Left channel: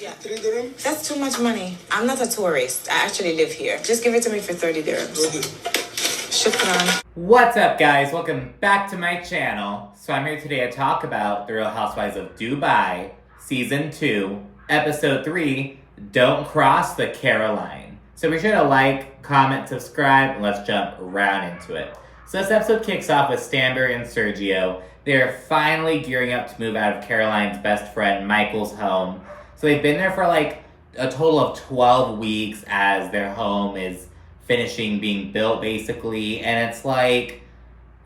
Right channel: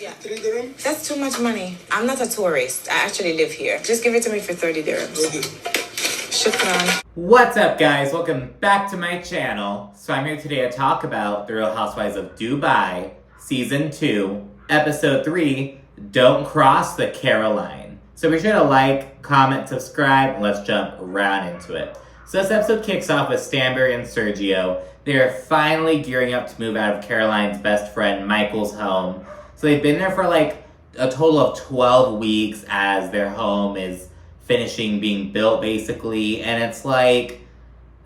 Yeah. 3 dirhams? That's too much money. I'm not a tourist. I actually live here. Just give it to me for 30 dirhams. Okay. Shukran. What's up, guys? Welcome back to my channel. So I'm here today to talk about The Real Housewives of Dubai, Season 2, Episode 3, Don't Cross the Caro-line. So be sure to like, comment, subscribe, and let's jump right into it. So this episode kicks off with Stanbury and Sergio. They're finally gearing up to move out of Caroline's best friend Michael's home. So they've been there for like a total of 12 weeks as their home is finishing being built, basically. And it's like,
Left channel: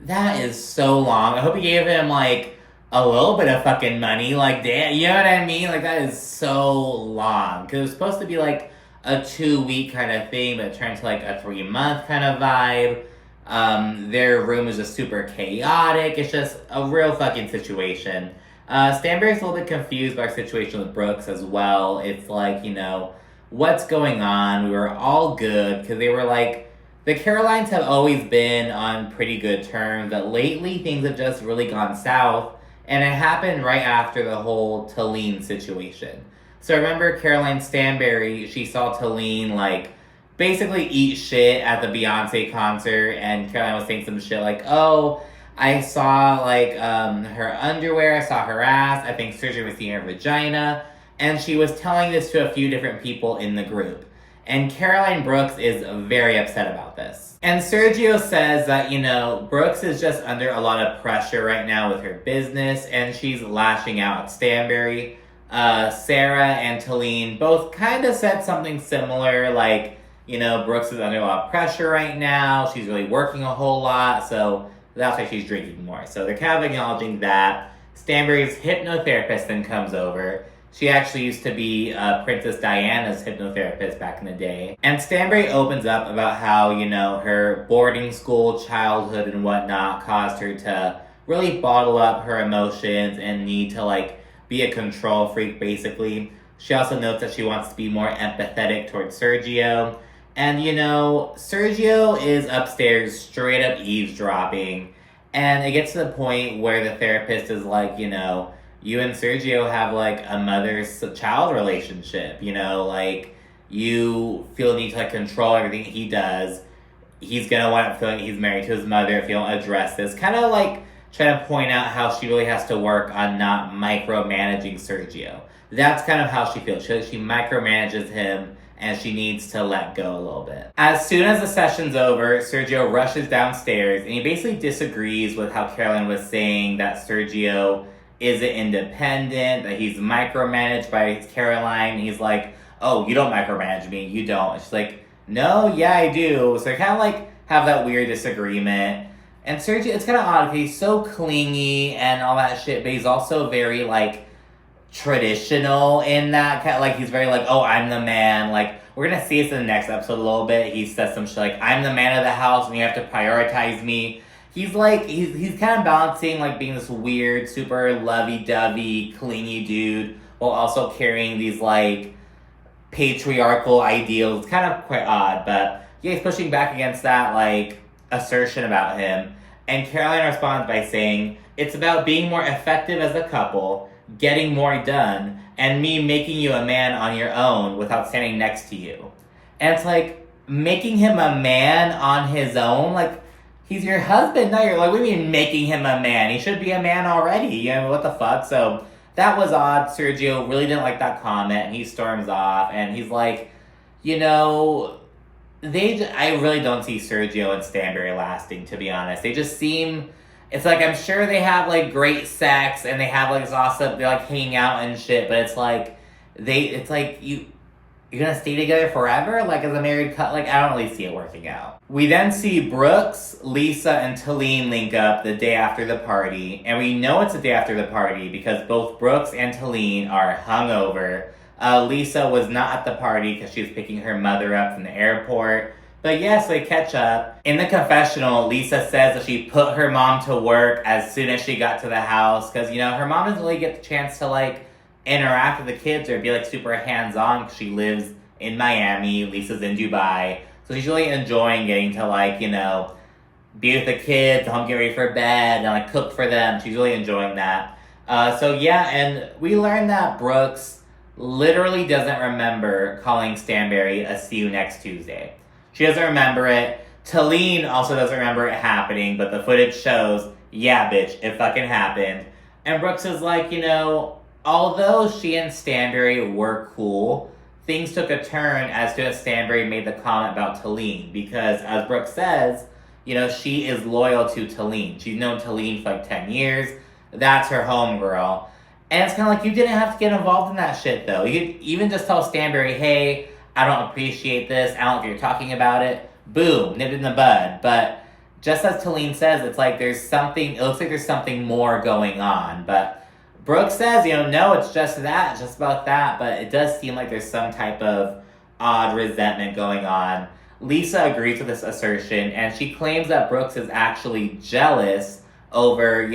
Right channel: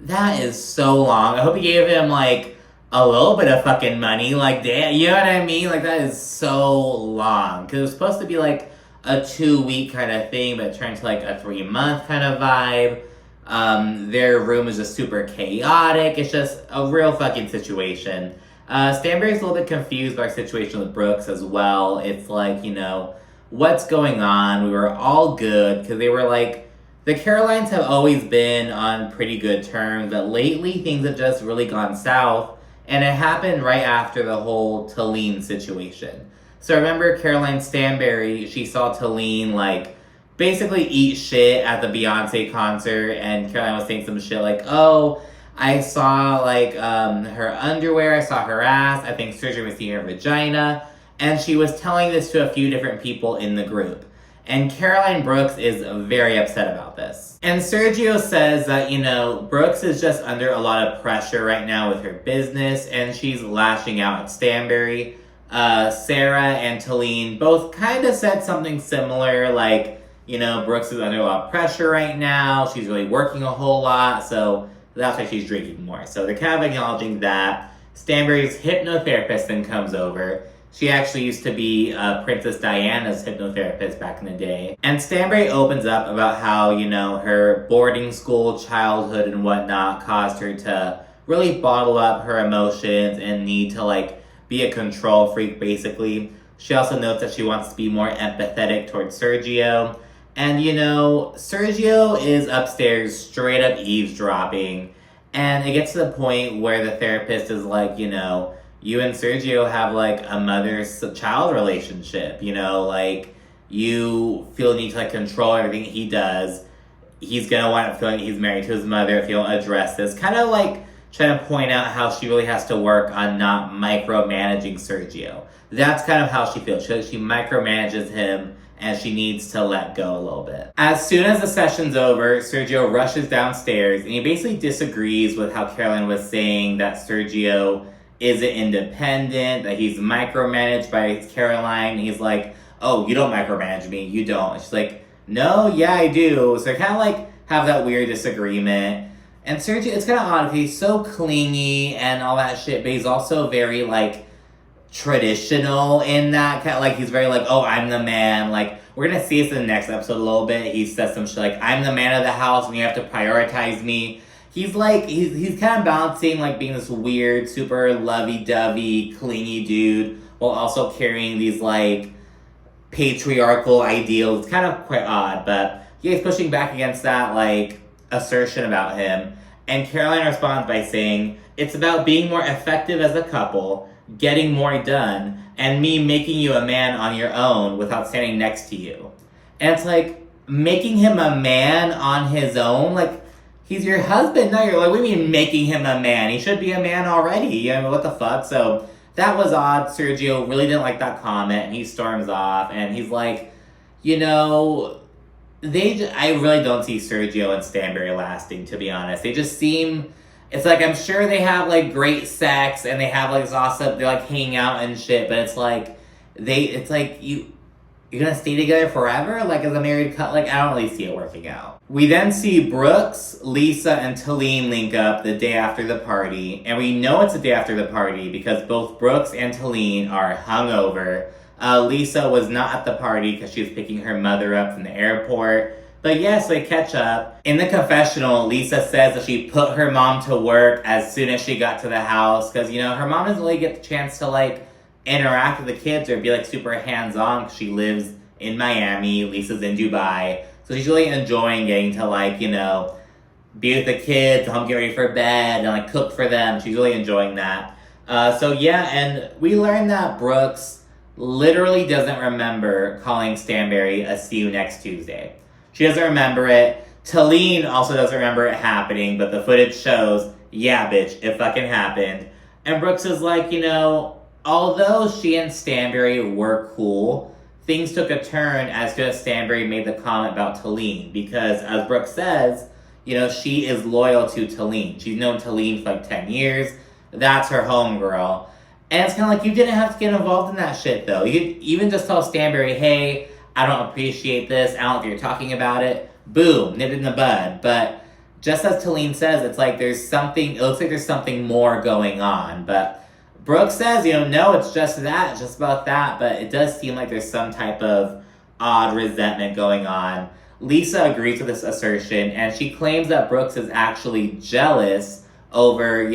that is so long. I hope he gave him like a little bit of fucking money. Like, damn, you know what I mean? Like, that is so long. Because it was supposed to be like a 2-week kind of thing, but it turned to like a 3-month kind of vibe. Their room is just super chaotic. It's just a real fucking situation. Stanbury's a little bit confused by our situation with Brooks as well. It's like, you know, what's going on? We were all good because they were like, the Carolines have always been on pretty good terms, but lately things have just really gone south, and it happened right after the whole Talene situation. So remember Caroline Stanbury, she saw Talene like basically eat shit at the Beyonce concert, and Caroline was saying some shit like, oh, I saw like her underwear, I saw her ass, I think Sergio was seeing her vagina, and she was telling this to a few different people in the group. And Caroline Brooks is very upset about this. And Sergio says that, you know, Brooks is just under a lot of pressure right now with her business, and she's lashing out at Stanbury. Sara and Talene both kind of said something similar, like, you know, Brooks is under a lot of pressure right now, she's really working a whole lot, so that's why she's drinking more. So they're kind of acknowledging that. Stanbury's hypnotherapist then comes over. She actually used to be Princess Diana's hypnotherapist back in the day. And Stanbury opens up about how, you know, her boarding school childhood and whatnot caused her to really bottle up her emotions and need to, like, be a control freak, basically. She also notes that she wants to be more empathetic towards Sergio. And, you know, Sergio is upstairs straight up eavesdropping. And it gets to the point where the therapist is like, you know, you and Sergio have like a mother-child relationship, you know, like you feel the need to like control everything he does. He's gonna wind up feeling he's married to his mother if you don't address this. Kind of like trying to point out how she really has to work on not micromanaging Sergio. That's kind of how she feels. She micromanages him, and she needs to let go a little bit. As soon as the session's over, Sergio rushes downstairs, and he basically disagrees with how Caroline was saying that Sergio isn't independent, that he's micromanaged by Caroline. He's like, oh, you don't micromanage me, you don't. And she's like, no, yeah, I do. So they kind of like have that weird disagreement. And Sergio, it's kind of odd because he's so clingy and all that shit, but he's also very like traditional in that, like he's very like, oh, I'm the man. Like, we're gonna see this in the next episode a little bit. He says some shit like, I'm the man of the house and you have to prioritize me. He's like, he's kind of balancing like being this weird, super lovey-dovey, clingy dude while also carrying these like patriarchal ideals. It's kind of quite odd, but yeah, he's pushing back against that like assertion about him. And Caroline responds by saying, it's about being more effective as a couple, getting more done, and me making you a man on your own without standing next to you. And it's like, making him a man on his own? Like, he's your husband now. You're like, what do you mean making him a man? He should be a man already. You know, what the fuck? So that was odd. Sergio really didn't like that comment, and he storms off, and he's like, you know, I really don't see Sergio and Stanbury lasting, to be honest. They just seem, it's like, I'm sure they have like great sex and they have like awesome, they're like hanging out and shit, but it's like, you're gonna stay together forever? Like as a married couple? Like, I don't really see it working out. We then see Brooks, Lisa, and Talene link up the day after the party, and we know it's the day after the party because both Brooks and Talene are hungover. Lisa was not at the party because she was picking her mother up from the airport. But yes, they catch up. In the confessional, Lisa says that she put her mom to work as soon as she got to the house. Because, you know, her mom doesn't really get the chance to, like, interact with the kids or be, like, super hands-on because she lives in Miami. Lisa's in Dubai. So she's really enjoying getting to, like, you know, be with the kids, help get ready for bed, and, like, cook for them. She's really enjoying that. So, yeah, and we learned that Brooks literally doesn't remember calling Stanbury a see you next Tuesday. She doesn't remember it. Talene also doesn't remember it happening, but the footage shows, yeah, bitch, it fucking happened. And Brooks is like, although she and Stanbury were cool, things took a turn as soon as Stanbury made the comment about Talene. Because, as Brooks says, she is loyal to Talene. She's known Talene for like 10 years. That's her homegirl. And it's kind of like, you didn't have to get involved in that shit, though. You could even just tell Stanbury, hey, I don't appreciate this. I don't think you're talking about it. Boom, nip it in the bud. But just as Talene says, it's like it looks like there's something more going on. But Brooke says, no, it's just that, it's just about that. But it does seem like there's some type of odd resentment going on. Lisa agrees with this assertion, and she claims that Brooks is actually jealous over,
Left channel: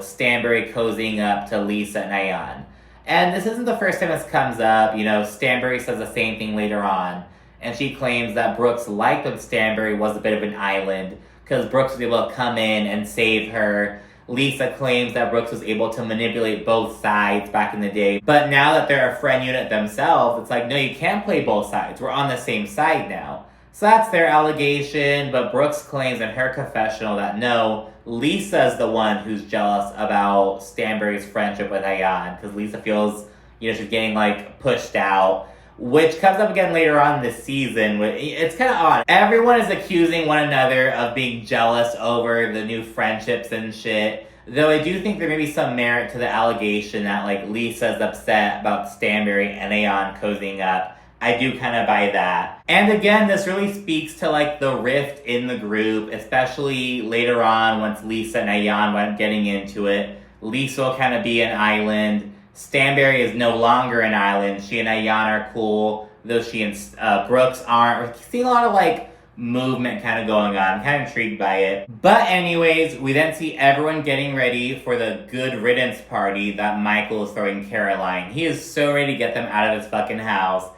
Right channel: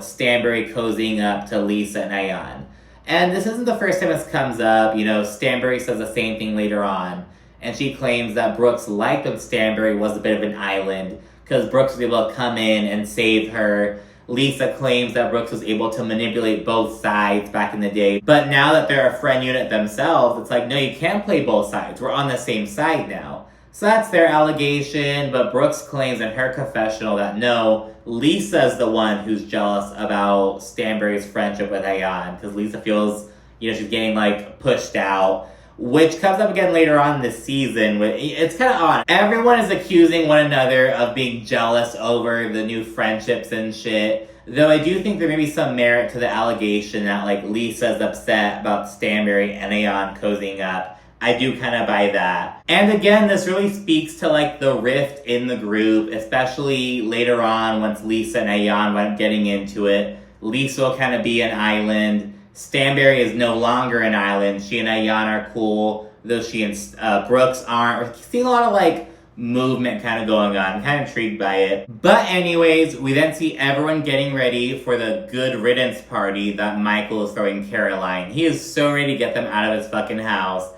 Stanbury cozying up to Lisa and Ayan. And this isn't the first time this comes up. Stanbury says the same thing later on. And she claims that Brooks liked that Stanbury was a bit of an island because Brooks was able to come in and save her. Lisa claims that Brooks was able to manipulate both sides back in the day. But now that they're a friend unit themselves, it's like, no, you can't play both sides. We're on the same side now. So that's their allegation, but Brooks claims in her confessional that no, Lisa's the one who's jealous about Stanbury's friendship with Ayan, because Lisa feels, she's getting, pushed out, which comes up again later on in the season. It's kind of odd. Everyone is accusing one another of being jealous over the new friendships and shit, though I do think there may be some merit to the allegation that, Lisa's upset about Stanbury and Ayan cozying up. I do kind of buy that. And again, this really speaks to the rift in the group, especially later on once Lisa and Ayan went getting into it. Lisa will kind of be an island. Stanbury is no longer an island. She and Ayan are cool, though she and Brooks aren't. We're seeing a lot of movement kind of going on. I'm kind of intrigued by it. But anyways, we then see everyone getting ready for the good riddance party that Michael is throwing Caro-line. He is so ready to get them out of his fucking house.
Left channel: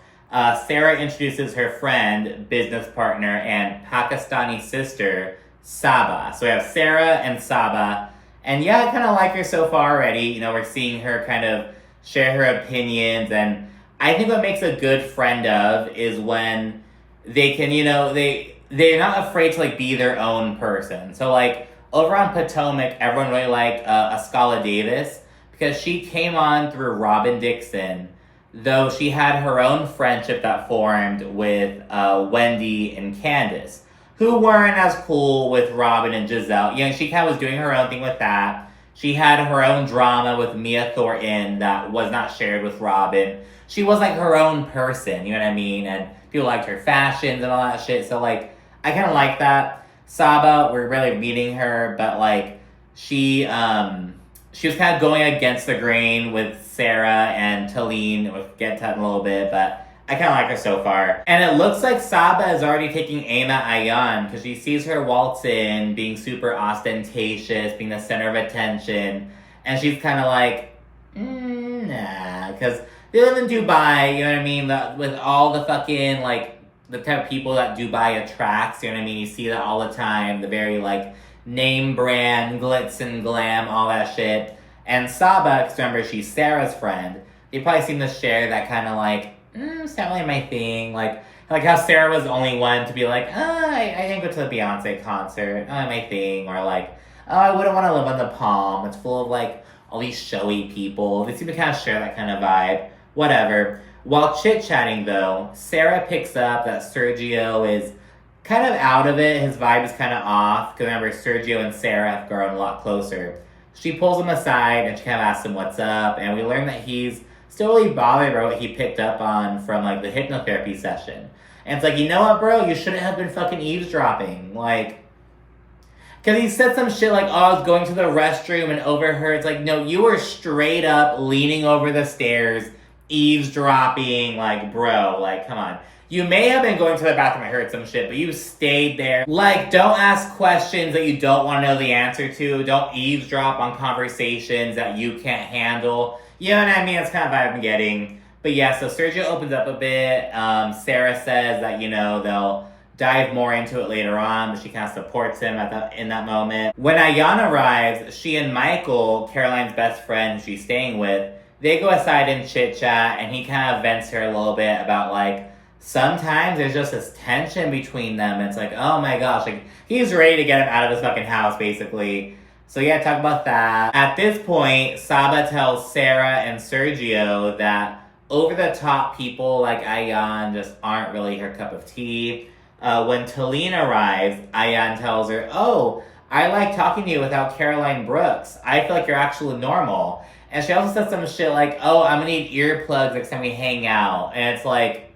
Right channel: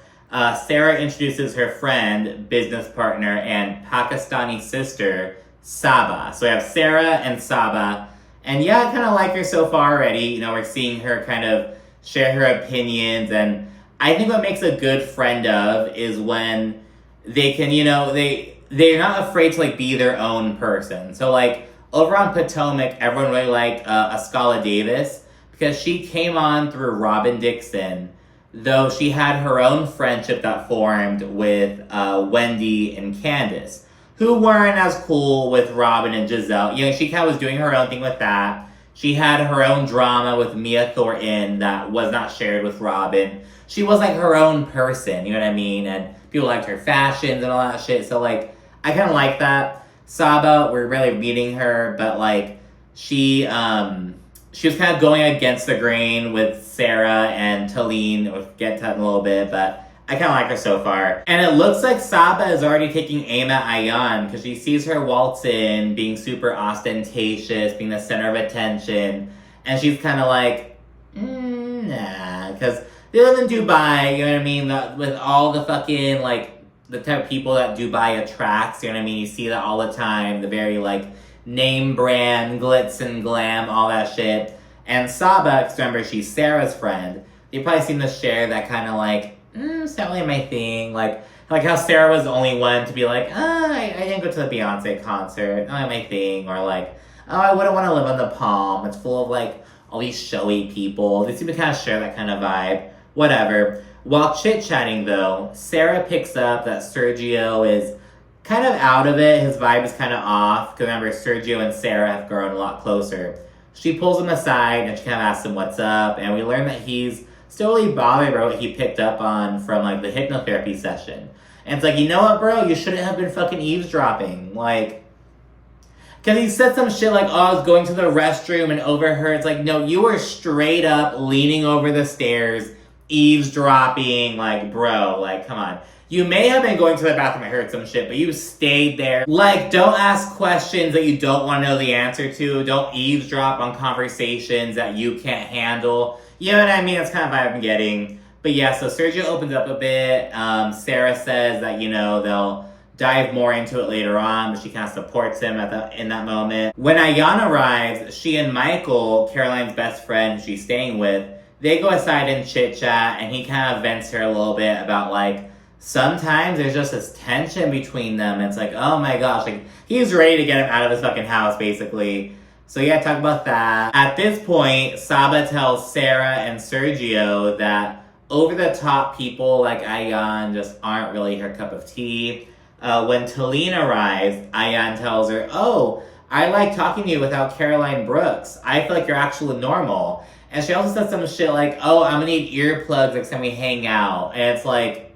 Sara introduces her friend, business partner, and Pakistani sister, Saba. So we have Sara and Saba. And yeah, I kind of like her so far already. We're seeing her kind of share her opinions. And I think what makes a good friend of is when they can, they're not afraid to be their own person. So over on Potomac, everyone really liked Ascala Davis because she came on through Robin Dixon, though she had her own friendship that formed with Wendy and Candace, who weren't as cool with Robin and Giselle. She kind of was doing her own thing with that. She had her own drama with Mia Thornton that was not shared with Robin. She was her own person, you know what I mean? And people liked her fashions and all that shit. So I kind of like that. Saba, we're really meeting her, but she was kind of going against the grain with Sara and Talene. We'll get to that in a little bit, but I kind of like her so far. And it looks like Saba is already taking aim at Ayan because she sees her waltz in, being super ostentatious, being the center of attention. And she's kind of nah, because they live in Dubai, you know what I mean? With all the fucking, the type of people that Dubai attracts, you know what I mean? You see that all the time, the very, name brand, glitz and glam, all that shit. And Saba, because remember, she's Sarah's friend, they probably seem to share that kind of it's not really my thing. Like how Sara was the only one to be I didn't go to the Beyonce concert, not my thing. Or I wouldn't want to live on the Palm. It's full of all these showy people. They seem to kind of share that kind of vibe. Whatever. While chit-chatting though, Sara picks up that Sergio is kind of out of it. His vibe is kind of off. Because remember, Sergio and Sara have grown a lot closer. She pulls him aside and she kind of asks him what's up. And we learn that he's still really bothered by what he picked up on from the hypnotherapy session. And it's you know what, bro? You shouldn't have been fucking eavesdropping. Because he said some shit oh, I was going to the restroom and overheard. It's no, you were straight up leaning over the stairs, eavesdropping. Bro, come on. You may have been going to the bathroom and heard some shit, but you stayed there. Don't ask questions that you don't want to know the answer to. Don't eavesdrop on conversations that you can't handle. You know what I mean? That's kind of vibe I'm getting. But yeah, so Sergio opens up a bit. Sara says that, they'll dive more into it later on, but she kind of supports him in that moment. When Ayan arrives, she and Michael, Caroline's best friend she's staying with, they go aside and chit chat, and he kind of vents her a little bit about like, sometimes there's just this tension between them. And it's like, oh my gosh, like he's ready to get him out of his fucking house, basically. So yeah, talk about that. At this point, Saba tells Sara and Sergio that over-the-top people like Ayan just aren't really her cup of tea. When Talene arrives, Ayan tells her, oh, I like talking to you without Caro-line Brooks. I feel like you're actually normal. And she also says some shit like, oh, I'm gonna need earplugs next time we hang out. And it's like,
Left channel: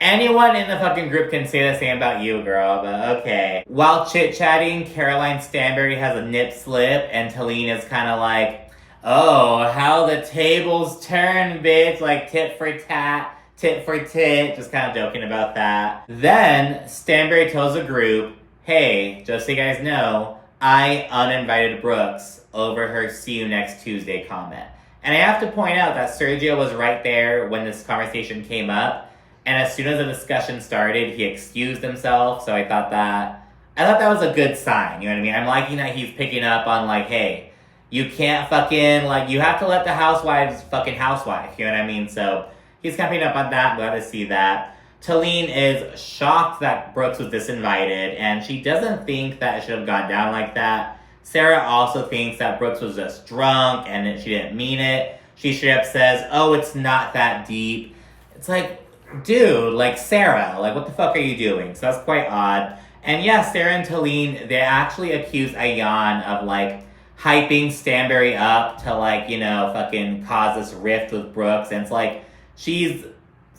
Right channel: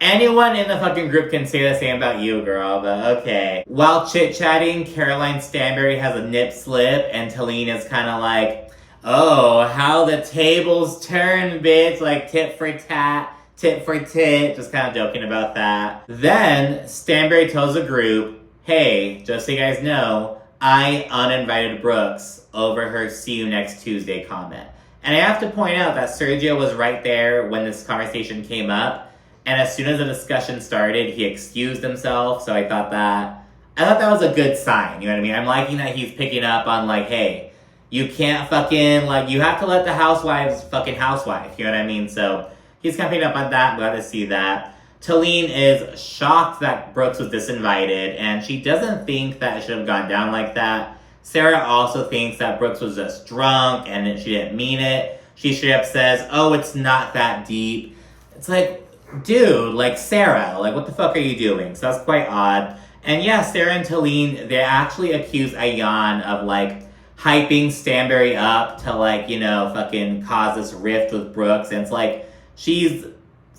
anyone in the fucking group can say the same about you, girl, but okay. While chit-chatting, Caroline Stanbury has a nip slip, and Talene is kind of like, oh, how the tables turn, bitch. Like, tit for tat, tit for tit. Just kind of joking about that. Then, Stanbury tells the group, hey, just so you guys know, I uninvited Brooks over her see you next Tuesday comment. And I have to point out that Sergio was right there when this conversation came up. And as soon as the discussion started, he excused himself. So I thought that was a good sign. You know what I mean? I'm liking that he's picking up on like, hey, you can't fucking, like, you have to let the housewives fucking housewife. You know what I mean? So he's kind of picking up on that. I'm glad to see that. Talene is shocked that Brooks was disinvited, and she doesn't think that it should have gone down like that. Sara also thinks that Brooks was just drunk and that she didn't mean it. She straight up says, oh, it's not that deep. It's like, dude, like, Sara, like, what the fuck are you doing? So that's quite odd. And yeah, Sara and Talene, they actually accuse Ayan of, like, hyping Stanbury up to, like, you know, fucking cause this rift with Brooks. And it's like, she's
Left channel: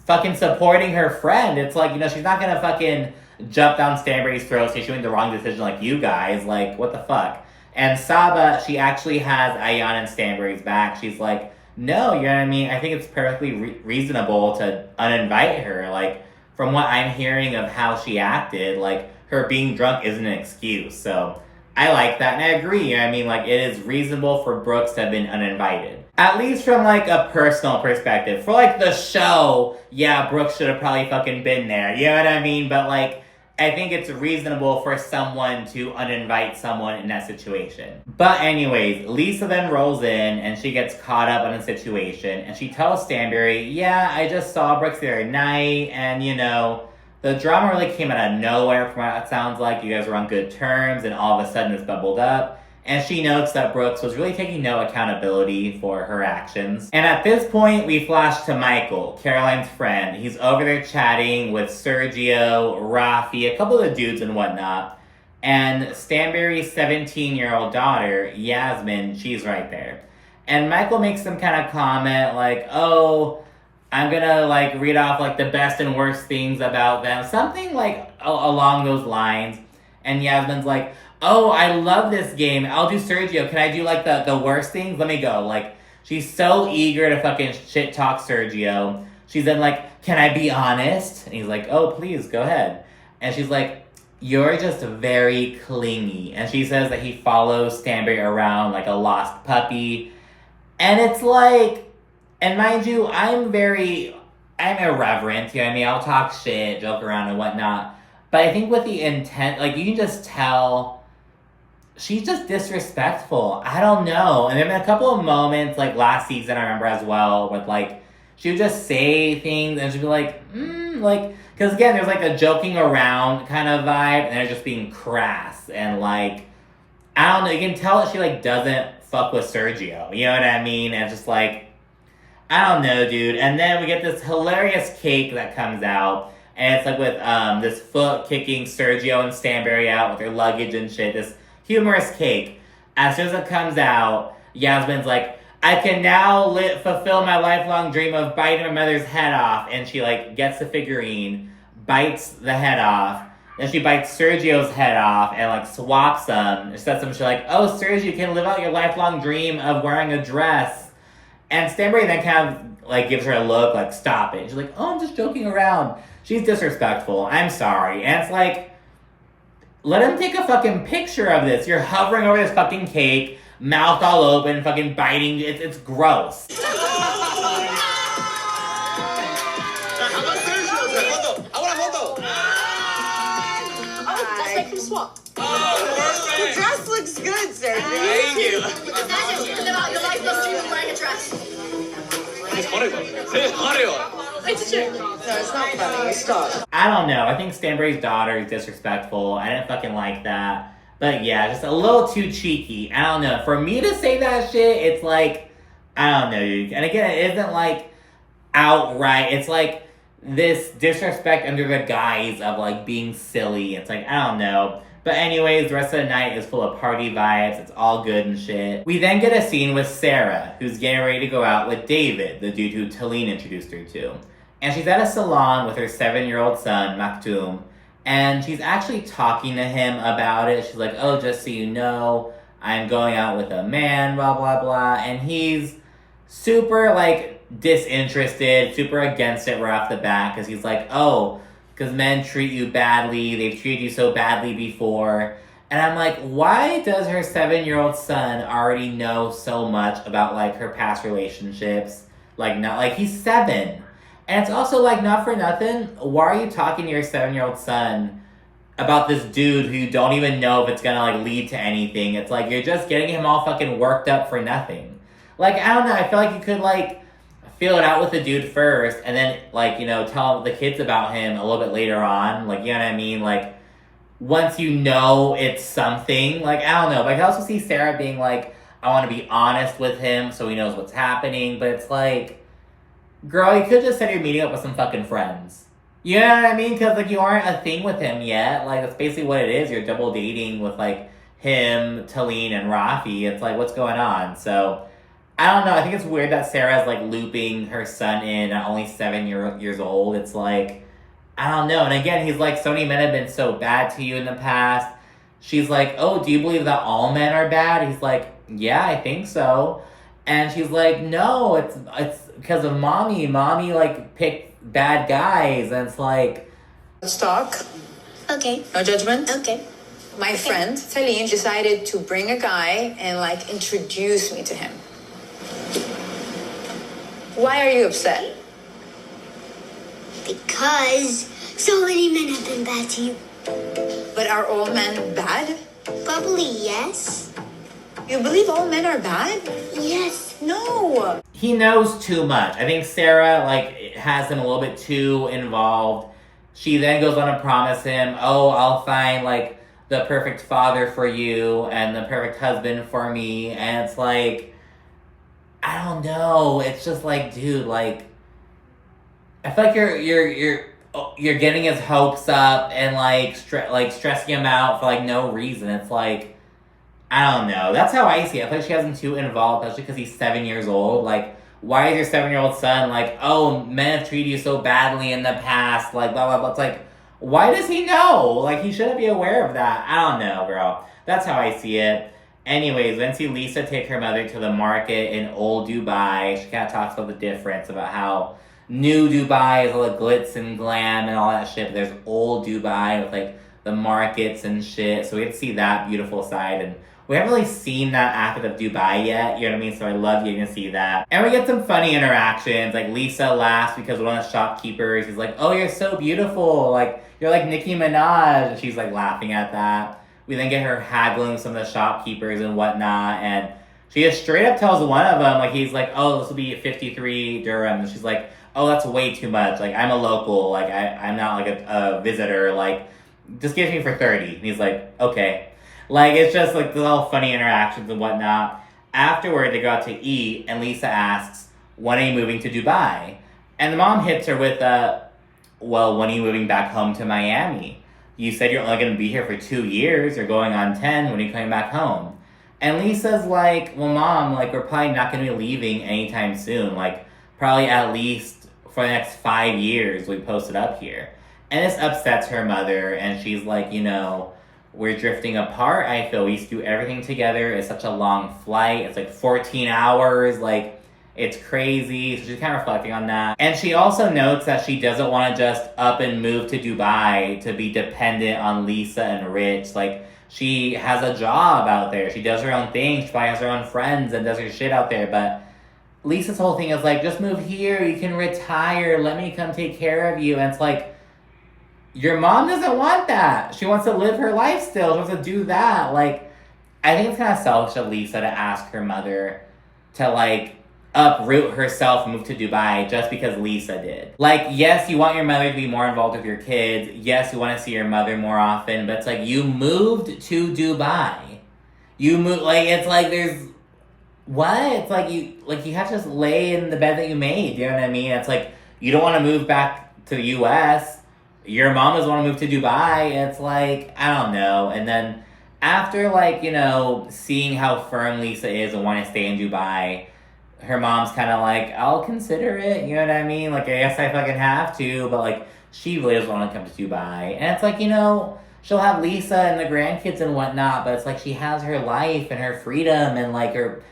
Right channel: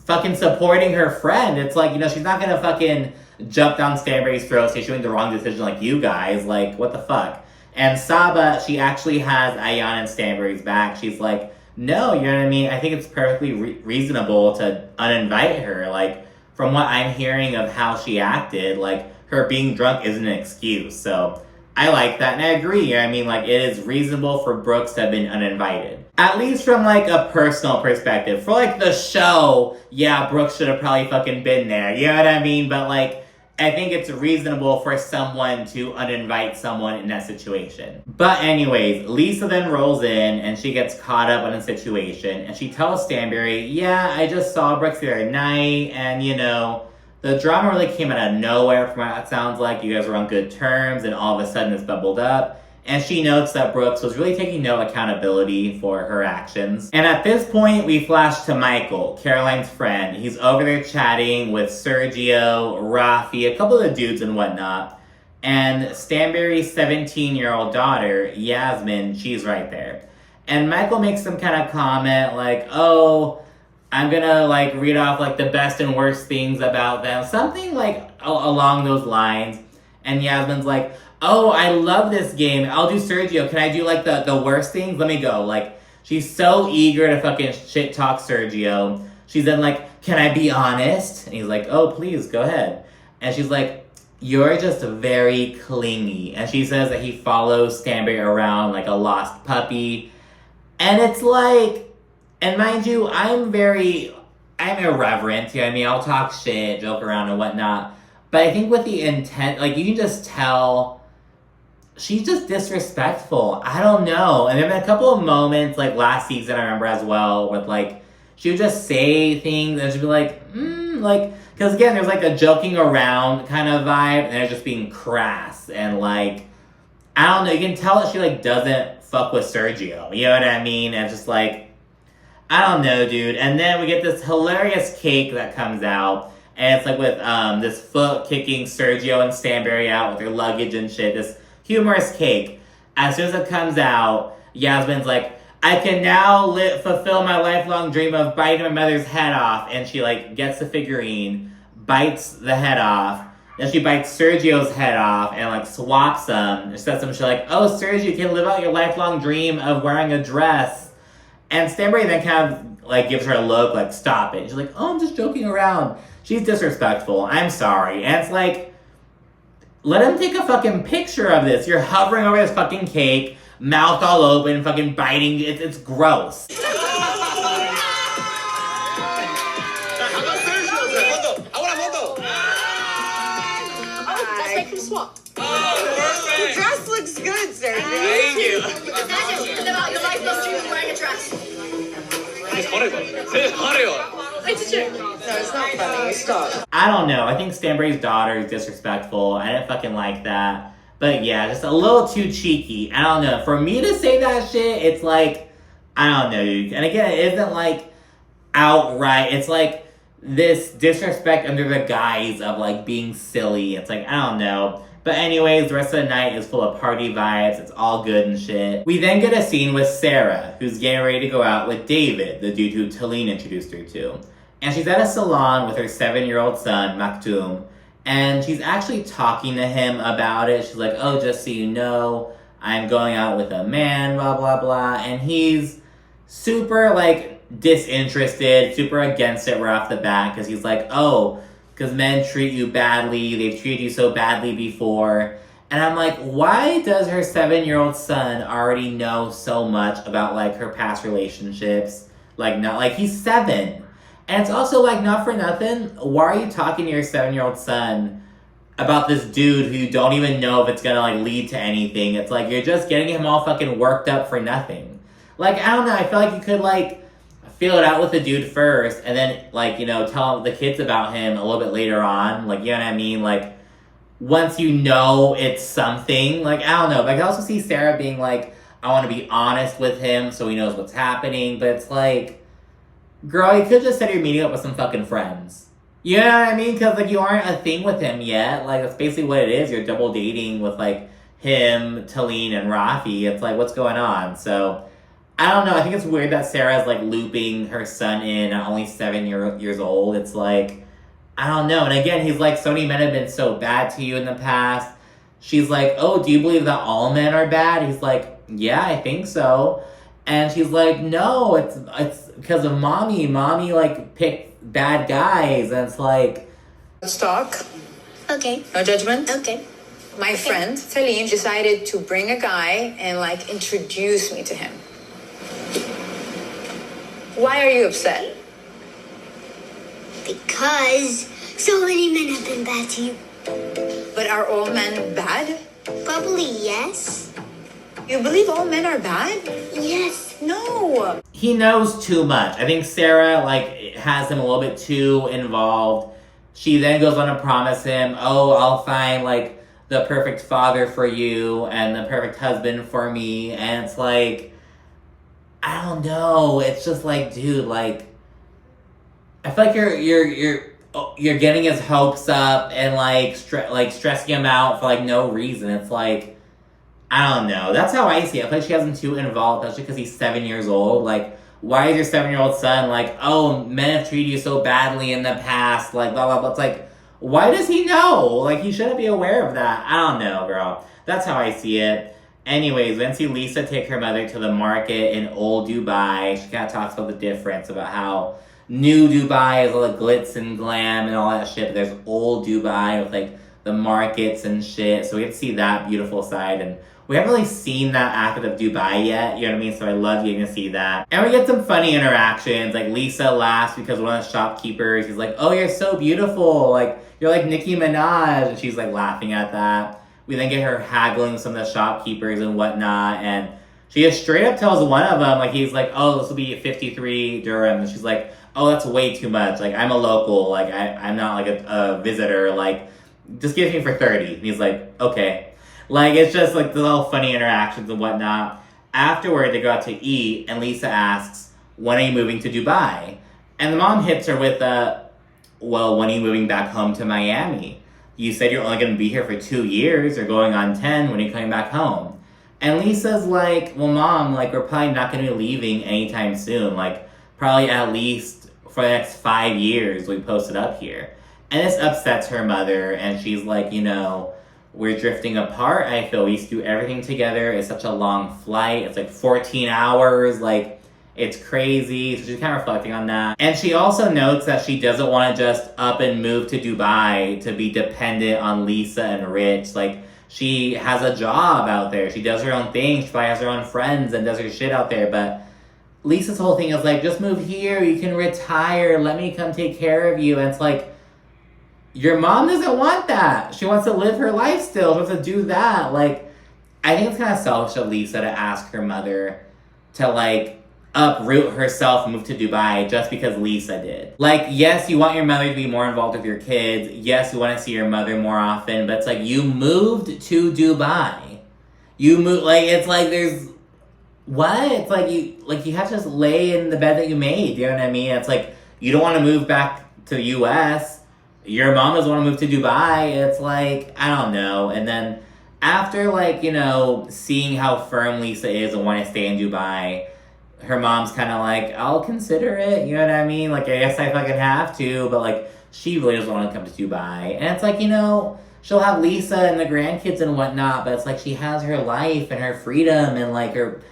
fucking supporting her friend. It's like, you know, she's not gonna fucking jump down Stanbury's throat, say she made the wrong decision like you guys. Like, what the fuck? And Saba, she actually has Ayan and Stanbury's back. She's like, no, you know what I mean? I think it's perfectly reasonable to uninvite her. Like, from what I'm hearing of how she acted, like, her being drunk isn't an excuse. So I like that, and I agree. You know what I mean? Like, it is reasonable for Brooks to have been uninvited. At least from, like, a personal perspective. For, like, the show, yeah, Brooks should have probably fucking been there. You know what I mean? But, like, I think it's reasonable for someone to uninvite someone in that situation. But anyways, Lisa then rolls in, and she gets caught up on the situation, and she tells Stanbury, yeah, I just saw Brooks the other night, and, you know, the drama really came out of nowhere from what it sounds like. You guys were on good terms, and all of a sudden it's bubbled up. And she notes that Brooks was really taking no accountability for her actions. And at this point, we flash to Michael, Caroline's friend. He's over there chatting with Sergio, Rafi, a couple of the dudes and whatnot. And Stanbury's 17-year-old daughter, Yasmin, she's right there. And Michael makes some kind of comment like, oh, I'm gonna, like, read off, like, the best and worst things about them. Something, like, along those lines. And Yasmin's like, oh, I love this game. I'll do Sergio. Can I do, like, the worst things? Let me go. Like, she's so eager to fucking shit-talk Sergio. She's then like, can I be honest? And he's like, oh, please, go ahead. And she's like, you're just very clingy. And she says that he follows Stanbury around like a lost puppy. And it's like, and mind you, I'm irreverent, you know what I mean? I'll talk shit, joke around and whatnot. But I think with the intent, like, you can just tell she's just disrespectful. I don't know. And there have been a couple of moments, like, last season, I remember as well, with, like, she would just say things and she'd be like, like, because again, there's, like, a joking around kind of vibe, and they're just being crass. And, like, I don't know, you can tell that she, like, doesn't fuck with Sergio. You know what I mean? And just, like, I don't know, dude. And then we get this hilarious cake that comes out. And it's like with this foot kicking Sergio and Stanbury out with their luggage and shit. This humorous cake. As soon as it comes out, Yasmin's like, I can now fulfill my lifelong dream of biting my mother's head off. And she, like, gets the figurine, bites the head off. Then she bites Sergio's head off and, like, swaps them. And says some shit like, oh, Sergio, you can live out your lifelong dream of wearing a dress. And Stanbury then kind of, like, gives her a look, like, stop it. She's like, oh, I'm just joking around. She's disrespectful. I'm sorry. And it's like, let him take a fucking picture of this. You're hovering over this fucking cake, mouth all open, fucking biting. It's gross. make them swap. Oh, the dress looks good, Sergio. Thank you. You like those two wearing a dress. It's true. No, it's not funny. Stop. I don't know. I think Stanbury's daughter is disrespectful. I didn't fucking like that. But yeah, just a little too cheeky. I don't know. For me to say that shit, it's like, I don't know, dude. And again, it isn't like outright. It's like this disrespect under the guise of like being silly. It's like, I don't know. But anyways, the rest of the night is full of party vibes. It's all good and shit. We then get a scene with Sara, who's getting ready to go out with David, the dude who Talene introduced her to. And she's at a salon with her 7-year-old son, Maktoum. And she's actually talking to him about it. She's like, oh, just so you know, I'm going out with a man, blah, blah, blah. And he's super, like, disinterested, super against it right off the bat. Because he's like, oh, because men treat you badly. They've treated you so badly before. And I'm like, why does her 7-year-old son already know so much about, like, her past relationships? Like, not, like, he's 7. And it's also, like, not for nothing. Why are you talking to your 7-year-old son about this dude who you don't even know if it's gonna, like, lead to anything? It's like, you're just getting him all fucking worked up for nothing. Like, I don't know. I feel like you could, like, feel it out with the dude first and then, like, you know, tell the kids about him a little bit later on. Like, you know what I mean? Like, once you know it's something. Like, I don't know. But I can also see Sara being like, I want to be honest with him so he knows what's happening. But it's like, girl, you could just said you're meeting up with some fucking friends. You know what I mean? Because, like, you aren't a thing with him yet. Like, that's basically what it is. You're double dating with, like, him, Talene, and Rafi. It's like, what's going on? So, I don't know. I think it's weird that Sarah's, like, looping her son in at only 7 years old. It's like, I don't know. And again, he's like, so many men have been so bad to you in the past. She's like, oh, do you believe that all men are bad? He's like, yeah, I think so. And she's like, no, it's because of mommy. Mommy, like, picked bad guys. And it's like, Let's talk. Okay. No judgment. Okay. My friend, Talene, decided to bring a guy and, like, introduce me to him. Why are you upset? Because so many men have been bad to you. But are all men bad? Probably yes. You believe all men are bad? Yes. No. he knows too much. I think Sara, like, has him a little bit too involved. She then goes on to promise him, oh, I'll find, like, the perfect father for you and the perfect husband for me. And it's like, I don't know. It's just like, dude, like, I feel like you're getting his hopes up and, like, stressing him out for, like, no reason. It's like, I don't know. That's how I see it. I feel like she has him too involved, especially because he's 7 years old. Like, why is your 7-year-old son like, oh, men have treated you so badly in the past, like, blah, blah, blah. It's like, why does he know? Like, he shouldn't be aware of that. I don't know, girl. That's how I see it. Anyways, then see Lisa take her mother to the market in old Dubai. She kind of talks about the difference, about how new Dubai is all the glitz and glam and all that shit. But there's old Dubai with, like, the markets and shit. So we get to see that beautiful side. And we haven't really seen that aspect of Dubai yet, you know what I mean? So I love getting to see that. And we get some funny interactions. Like, Lisa laughs because one of the shopkeepers is like, oh, you're so beautiful. Like, you're like Nicki Minaj. And she's, like, laughing at that. We then get her haggling some of the shopkeepers and whatnot. And she just straight up tells one of them, like, he's like, oh, this will be 53 dirham. And she's like, oh, that's way too much. Like, I'm a local. Like, I'm not, like, a visitor. Like, just give me for 30. And he's like, okay. Like, it's just, like, the little funny interactions and whatnot. Afterward, they go out to eat, and Lisa asks, when are you moving to Dubai? And the mom hits her with, well, when are you moving back home to Miami? You said you're only going to be here for 2 years. You're going on 10. When are you coming back home? And Lisa's like, well, Mom, like, we're probably not going to be leaving anytime soon. Like, probably at least for the next 5 years we posted up here. And this upsets her mother, and she's like, you know, we're drifting apart. I feel we used to do everything together. It's such a long flight. It's like 14 hours. Like, it's crazy. So she's kind of reflecting on that. And she also notes that she doesn't want to just up and move to Dubai to be dependent on Lisa and Rich. Like, she has a job out there. She does her own thing. She probably has her own friends and does her shit out there. But Lisa's whole thing is like, just move here. You can retire. Let me come take care of you. And it's like, your mom doesn't want that. She wants to live her life still. She wants to do that. Like, I think it's kind of selfish of Lisa to ask her mother to, like, uproot herself, move to Dubai just because Lisa did. Like, yes, you want your mother to be more involved with your kids. Yes, you want to see your mother more often. But it's like, you moved to Dubai. You moved, like, it's like there's... What? It's like you have to just lay in the bed that you made. You know what I mean? It's like, you don't want to move back to the U.S. Your mom doesn't want to move to Dubai. It's like, I don't know. And then after, like, you know, seeing how firm Lisa is and wanting to stay in Dubai, her mom's kind of like, I'll consider it. You know what I mean? Like, I guess I fucking have to. But, like, she really doesn't want to come to Dubai. And it's like, you know, she'll have Lisa and the grandkids and whatnot. But it's like she has her life and her freedom and, like, her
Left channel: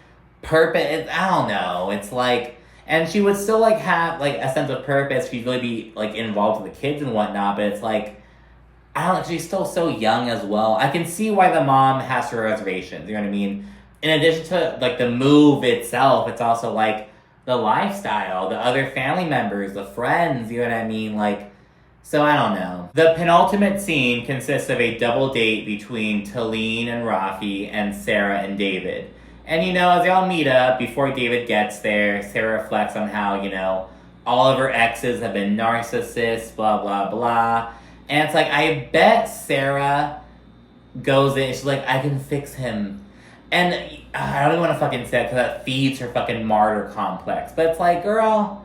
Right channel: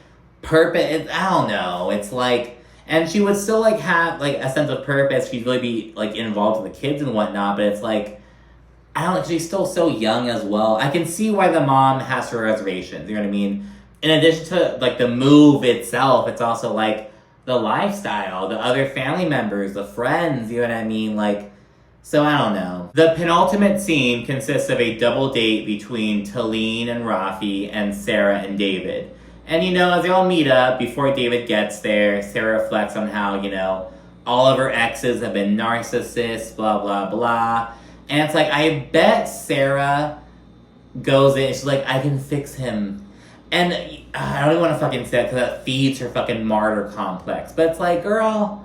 purpose. I don't know. It's like, and she would still, like, have, like, a sense of purpose. She'd really be, like, involved with the kids and whatnot, but it's like, I don't know, she's still so young as well. I can see why the mom has her reservations, you know what I mean? In addition to, like, the move itself, it's also, like, the lifestyle, the other family members, the friends, you know what I mean? Like, so I don't know. The penultimate scene consists of a double date between Talene and Rafi and Sara and David. And, you know, as they all meet up, before David gets there, Sara reflects on how, you know, all of her exes have been narcissists, blah, blah, blah. And it's like, I bet Sara goes in and she's like, I can fix him. And I don't even want to fucking say it because that feeds her fucking martyr complex. But it's like, girl,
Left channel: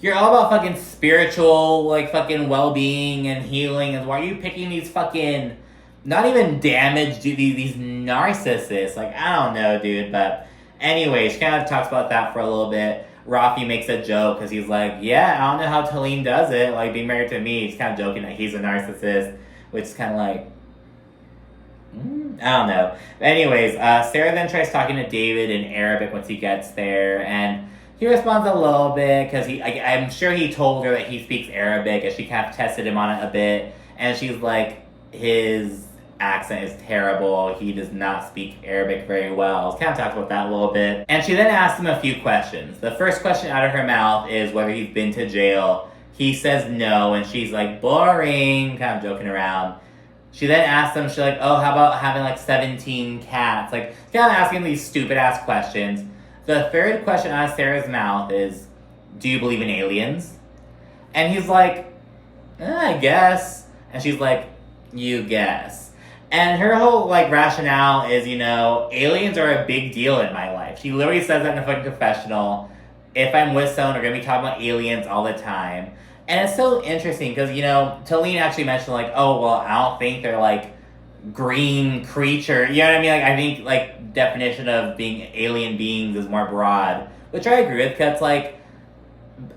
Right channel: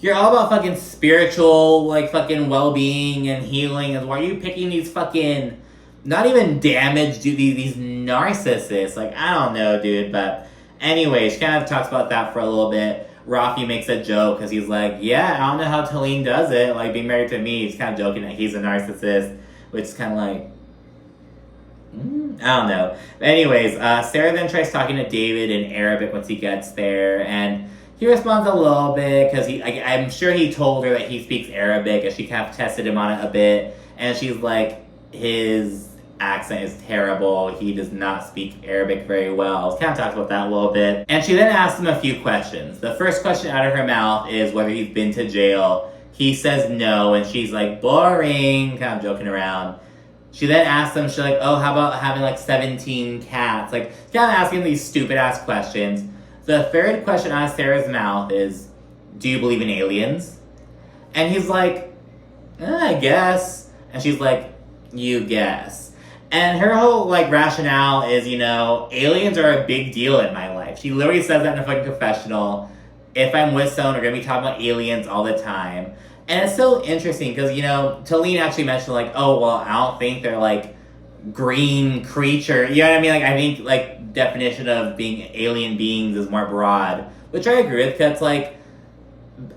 you're all about fucking spiritual, like, fucking well-being and healing. And why are you picking these fucking... not even damaged these narcissists. Like, I don't know, dude. But anyway, she kind of talks about that for a little bit. Rafi makes a joke because he's like, yeah, I don't know how Talene does it. Like, being married to me. He's kind of joking that he's a narcissist. Which is kind of like, I don't know. But anyways, Sara then tries talking to David in Arabic once he gets there. And he responds a little bit because I'm sure he told her that he speaks Arabic. And she kind of tested him on it a bit. And she's like, his accent is terrible. He does not speak Arabic very well. Kind of talks about that a little bit. And she then asks him a few questions. The first question out of her mouth is whether he's been to jail. He says no, and she's like, boring, kind of joking around. She then asks him, she's like, oh, how about having like 17 cats? Like, kind of asking these stupid ass questions. The third question out of Sarah's mouth is, do you believe in aliens? And he's like, I guess. And she's like, you guess. And her whole, like, rationale is, you know, aliens are a big deal in my life. She literally says that in a fucking confessional. If I'm with someone, we're going to be talking about aliens all the time. And it's so interesting because, you know, Talene actually mentioned, like, oh, well, I don't think they're, like, green creature. You know what I mean? Like, I think, like, definition of being alien beings is more broad. Which I agree with because, like,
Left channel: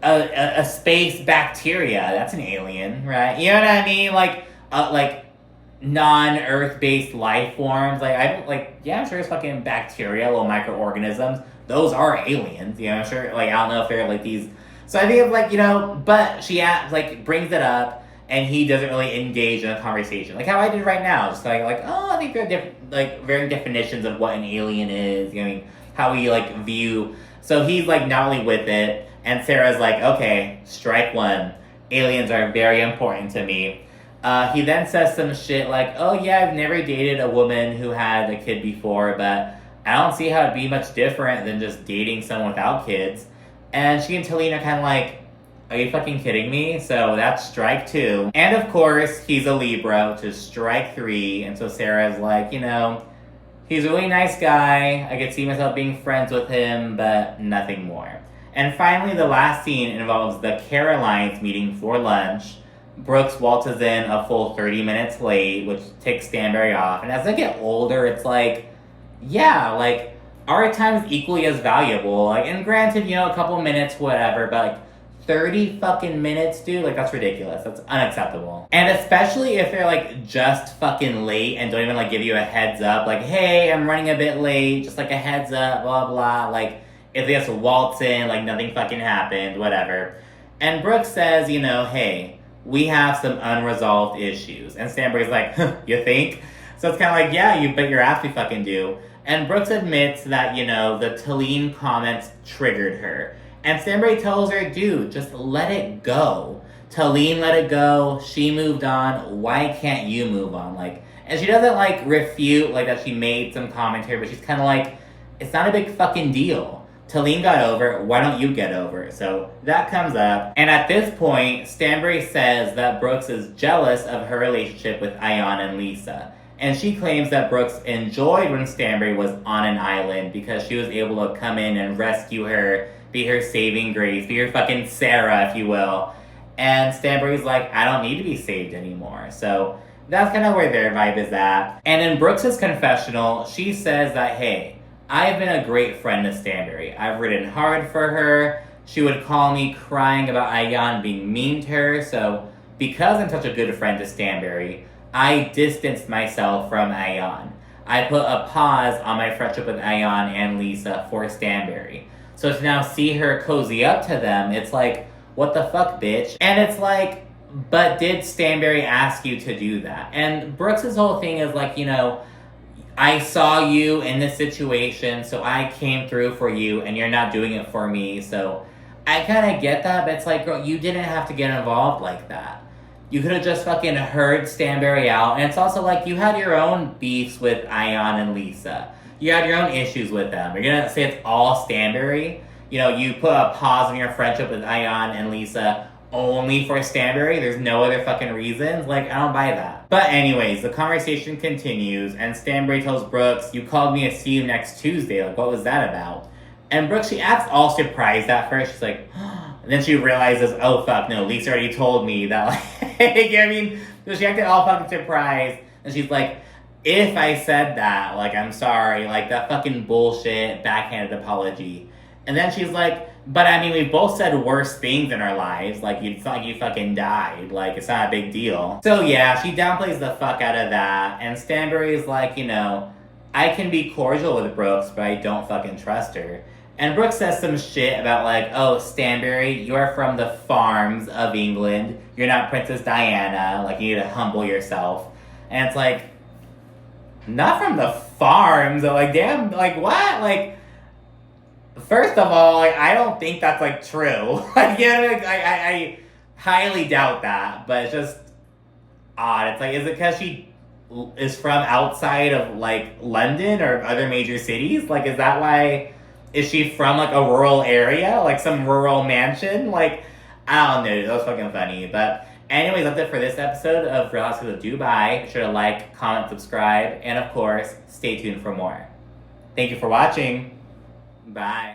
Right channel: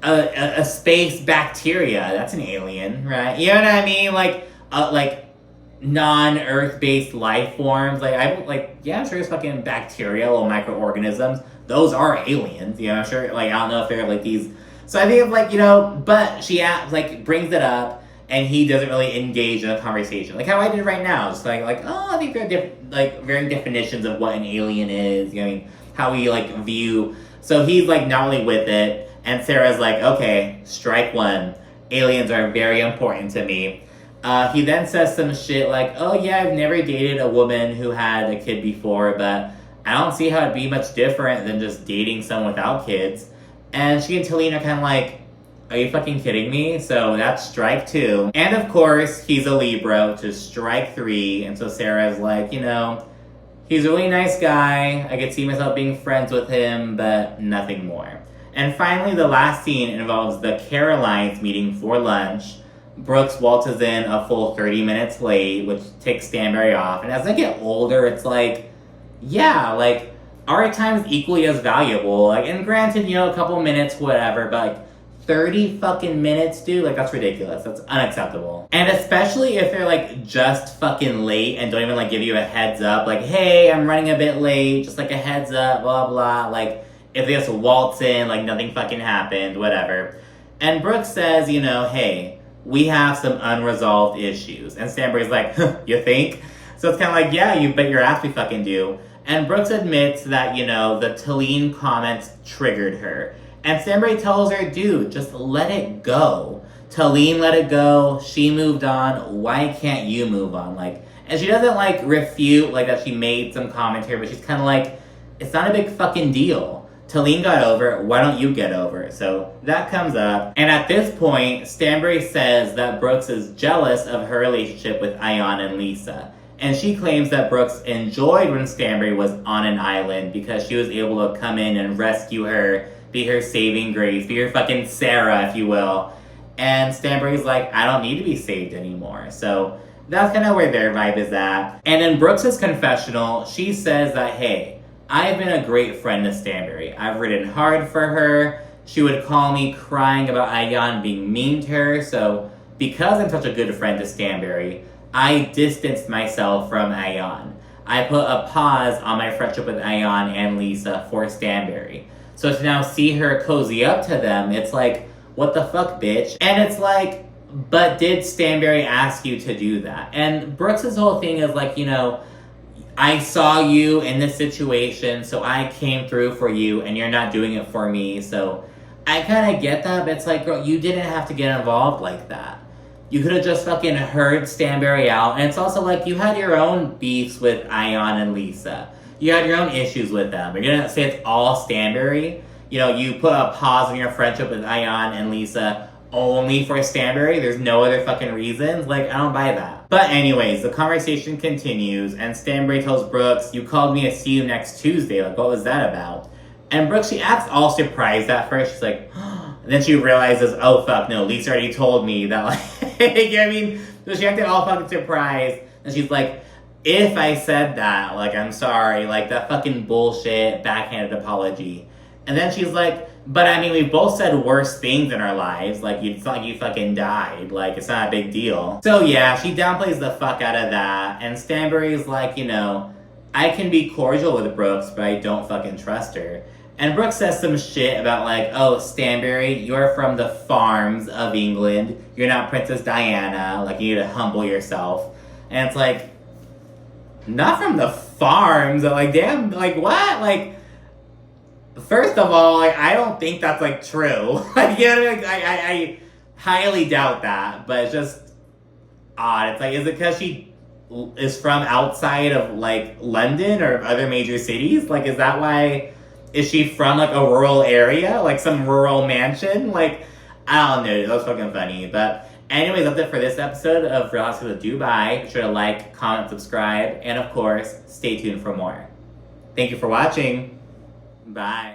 a space bacteria, that's an alien, right? You know what I mean? Like non-Earth-based life forms. Like, I'm sure there's fucking bacteria, little microorganisms. Those are aliens, you know, I'm sure, like, I don't know if they're, like, these... So I think of, like, you know, but she, like, brings it up, and he doesn't really engage in a conversation. Like how I did right now, just like oh, I think there are varying definitions of what an alien is, you know, how we, like, view... So he's, like, not really with it, and Sarah's like, okay, strike one. Aliens are very important to me. He then says some shit like, oh yeah, I've never dated a woman who had a kid before, but I don't see how it'd be much different than just dating someone without kids. And she and Talene are kind of like, are you fucking kidding me? So that's strike 2. And of course, he's a Libra, which is strike 3. And so Sarah's like, you know, he's a really nice guy. I could see myself being friends with him, but nothing more. And finally, the last scene involves the Caro-lines meeting for lunch. Brooks waltzes in a full 30 minutes late, which takes Stanbury off. And as I get older, it's like, yeah, like, our time is equally as valuable. Like, and granted, you know, a couple minutes, whatever, but like, 30 fucking minutes, dude, like, that's ridiculous. That's unacceptable. And especially if they're, like, just fucking late and don't even, like, give you a heads up. Like, hey, I'm running a bit late, just, like, a heads up, blah, blah. Like, if they just waltz in, like, nothing fucking happened, whatever. And Brooks says, you know, hey, we have some unresolved issues. And Stanbury's like, huh, you think? So it's kind of like, yeah, you bet your ass we fucking do. And Brooks admits that, you know, the Talene comments triggered her. And Stanbury tells her, dude, just let it go. Talene let it go. She moved on. Why can't you move on? Like, and she doesn't like refute like that she made some commentary, but she's kind of like, it's not a big fucking deal. Talene got over it. Why don't you get over it? So that comes up. And at this point, Stanbury says that Brooks is jealous of her relationship with Ayan and Lisa. And she claims that Brooks enjoyed when Stanbury was on an island because she was able to come in and rescue her, be her saving grace, be her fucking Sara, if you will. And Stanbury's like, I don't need to be saved anymore. So that's kind of where their vibe is at. And in Brooks's confessional, she says that, hey, I've been a great friend to Stanbury. I've ridden hard for her. She would call me crying about Ayan being mean to her. So because I'm such a good friend to Stanbury, I distanced myself from Ayan. I put a pause on my friendship with Ayan and Lisa for Stanbury. So to now see her cozy up to them, it's like, what the fuck, bitch? And it's like, but did Stanbury ask you to do that? And Brooks' whole thing is like, you know, I saw you in this situation, so I came through for you, and you're not doing it for me. So I kind of get that, but it's like, girl, you didn't have to get involved like that. You could have just fucking heard Stanbury out. And it's also like, you had your own beefs with Ayan and Lisa. You had your own issues with them. You're gonna say it's all Stanbury? You know, you put a pause on your friendship with Ayan and Lisa only for Stanbury? There's no other fucking reasons? Like, I don't buy that. But anyways, the conversation continues, and Stanbury tells Brooks, you called me to see you next Tuesday. Like, what was that about? And Brooks, she acts all surprised at first. She's like, and then she realizes, oh fuck, no, Lisa already told me that, like, I mean, so she acted all fucking surprised. And she's like, if I said that, like, I'm sorry, like, that fucking bullshit backhanded apology. And then she's like, but I mean, we both said worse things in our lives. Like, it's not like you fucking died. Like, it's not a big deal. So yeah, she downplays the fuck out of that. And Stanbury's like, you know, I can be cordial with Brooks, but I don't fucking trust her. And Brooks says some shit about like, oh, Stanbury, you're from the farms of England. You're not Princess Diana. Like, you need to humble yourself. And it's like, not from the farms. Like, damn, like, what? Like, first of all, like, I don't think that's, like, true. Like, yeah, like, I highly doubt that. But it's just odd. It's like, is it because she is from outside of, like, London or other major cities? Like, is that why... Is she from, like, a rural area? Like, some rural mansion? Like, I don't know. That was fucking funny. But anyways, that's it for this episode of Real Housewives of Dubai. Be sure to like, comment, subscribe, and, of course, stay tuned for more. Thank you for watching. Bye.